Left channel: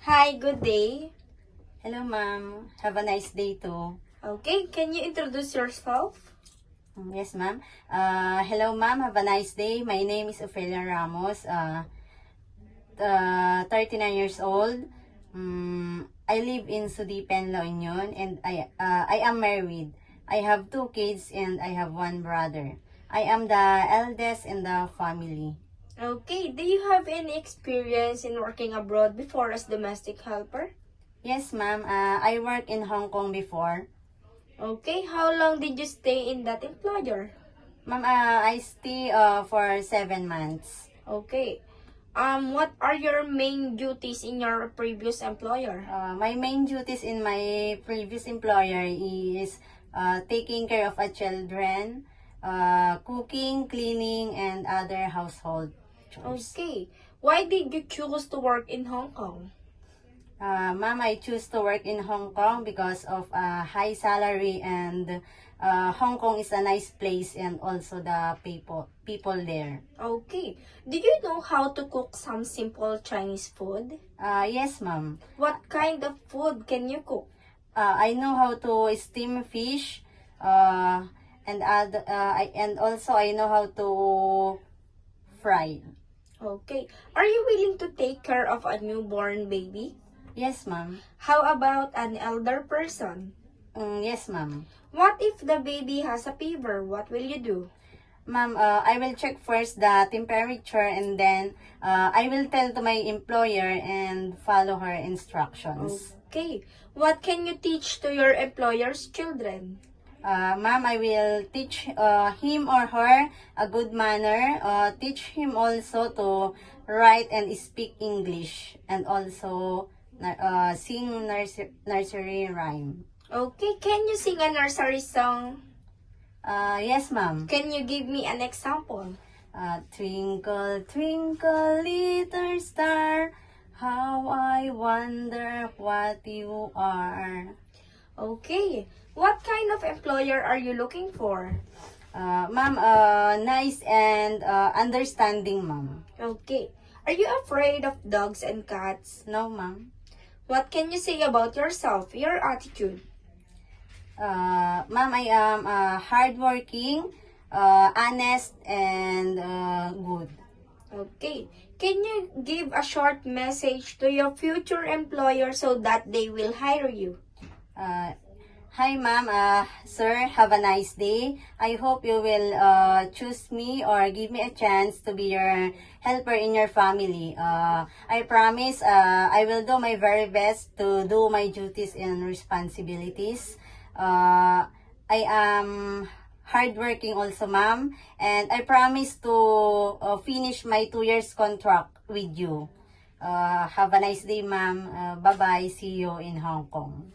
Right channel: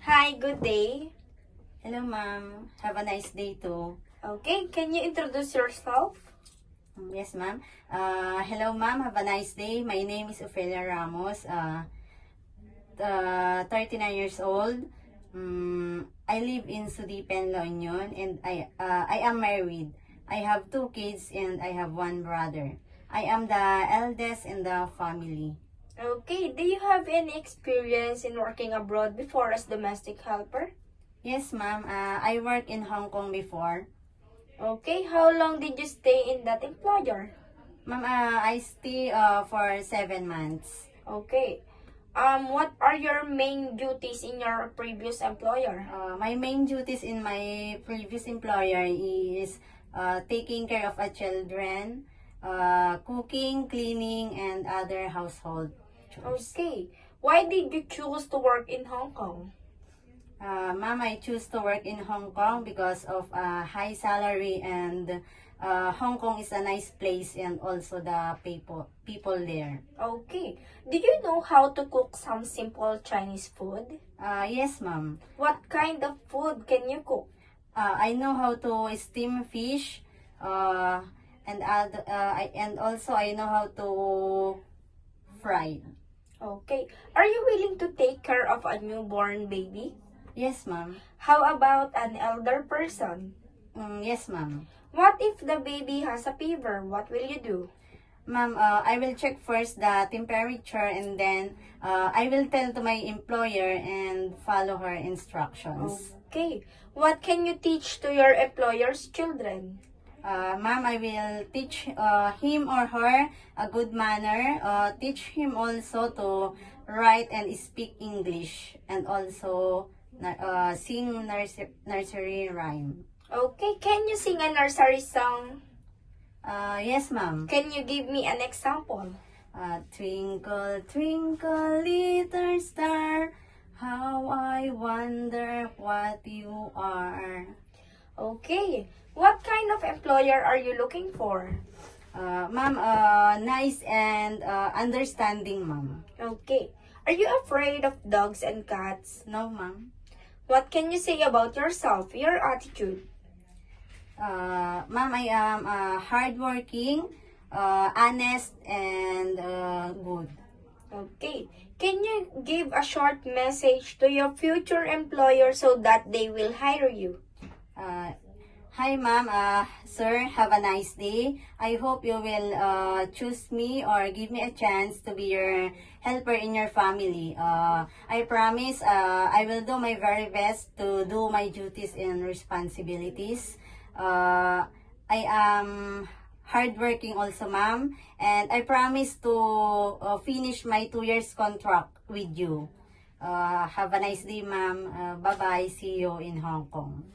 Hi, good day. Hello, ma'am. Have a nice day too. Okay, can you introduce yourself? Yes, ma'am. Hello, ma'am. Have a nice day. My name is Ophelia Ramos. 39 years old. I live in Sudipen, La Union, and I am married. I have 2 kids and I have 1 brother. I am the eldest in the family. Okay, do you have any experience in working abroad before as domestic helper? Yes, ma'am. I work in Hong Kong before. Okay, how long did you stay in that employer? Ma'am, I stay for 7 months. Okay. What are your main duties in your previous employer? My main duties in my previous employer is taking care of our children, cooking, cleaning, and other household chores. Okay. Why did you choose to work in Hong Kong? Ma'am, I choose to work in Hong Kong because of high salary, and Hong Kong is a nice place, and also the people there. Okay. Did you know how to cook some simple Chinese food? Yes, ma'am. What kind of food can you cook? I know how to steam fish, and also I know how to fry. Okay. Are you willing to take care of a newborn baby? Yes, ma'am. How about an elder person? Yes, ma'am. What if the baby has a fever? What will you do? Ma'am, I will check first the temperature, and then I will tell to my employer and follow her instructions. Okay. What can you teach to your employer's children? Ma'am, I will teach him or her a good manner, teach him also to write and speak English, and also sing nursery rhyme. Okay, can you sing a nursery song? Yes, ma'am. Can you give me an example? Twinkle, twinkle, little star, how I wonder what you are. Okay. What kind of employer are you looking for? Ma'am, nice and understanding, ma'am. Okay. Are you afraid of dogs and cats? No, ma'am. What can you say about yourself, your attitude? Ma'am, I am hardworking, honest, and good. Okay. Can you give a short message to your future employer so that they will hire you? Hi, ma'am. Sir, have a nice day. I hope you will choose me or give me a chance to be your helper in your family. I promise I will do my very best to do my duties and responsibilities. I am hardworking also, ma'am, and I promise to finish my 2 years contract with you. Have a nice day, ma'am. Bye-bye. See you in Hong Kong.